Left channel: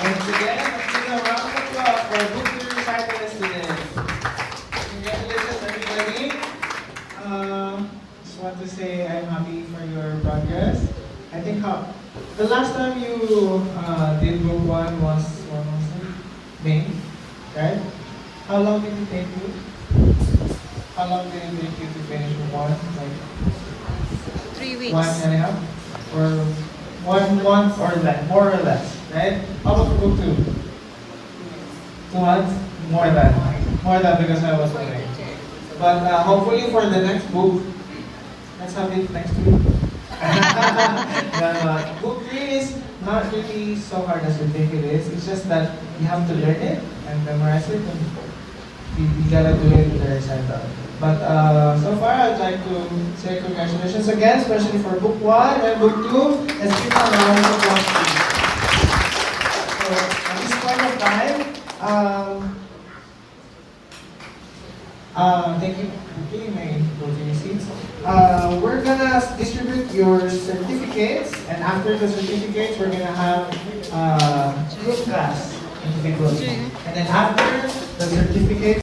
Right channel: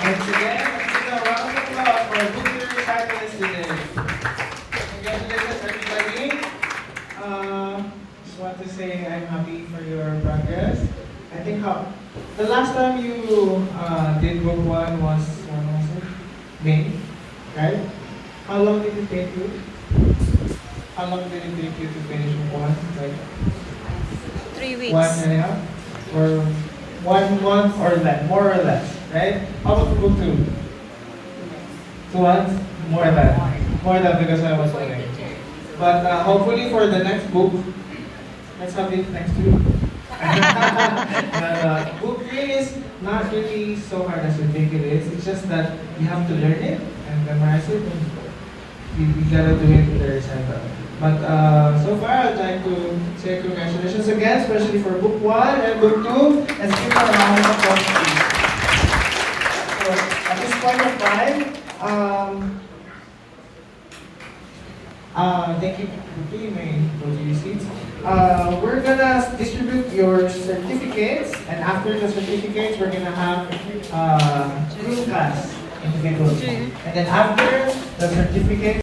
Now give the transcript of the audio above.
Once again, let's give a round of applause for Book 2 recital students. Congratulations, everybody. Just want to say I'm happy for your progress. I think the last time you did Book 1 was May, right? How long did it take you? How long did it take you to finish Book 1? Like 3 weeks. 1.5? Or 1 month or less, more or less, right? How about Book 2? 2 months? More than because I was away. But hopefully for the next book, let's have it next week. Book 3 is not really so hard as you think it is. It's just that you have to learn it and memorize it, and you gotta do it with the recital. But so far, I'd like to say congratulations again, especially for Book 1 and Book 2. Let's give them a round of applause, please. So at this point of time, thank you. You may go to your seats. We're gonna distribute your certificates, and after the certificates, we're gonna have group class. And then after the certificates.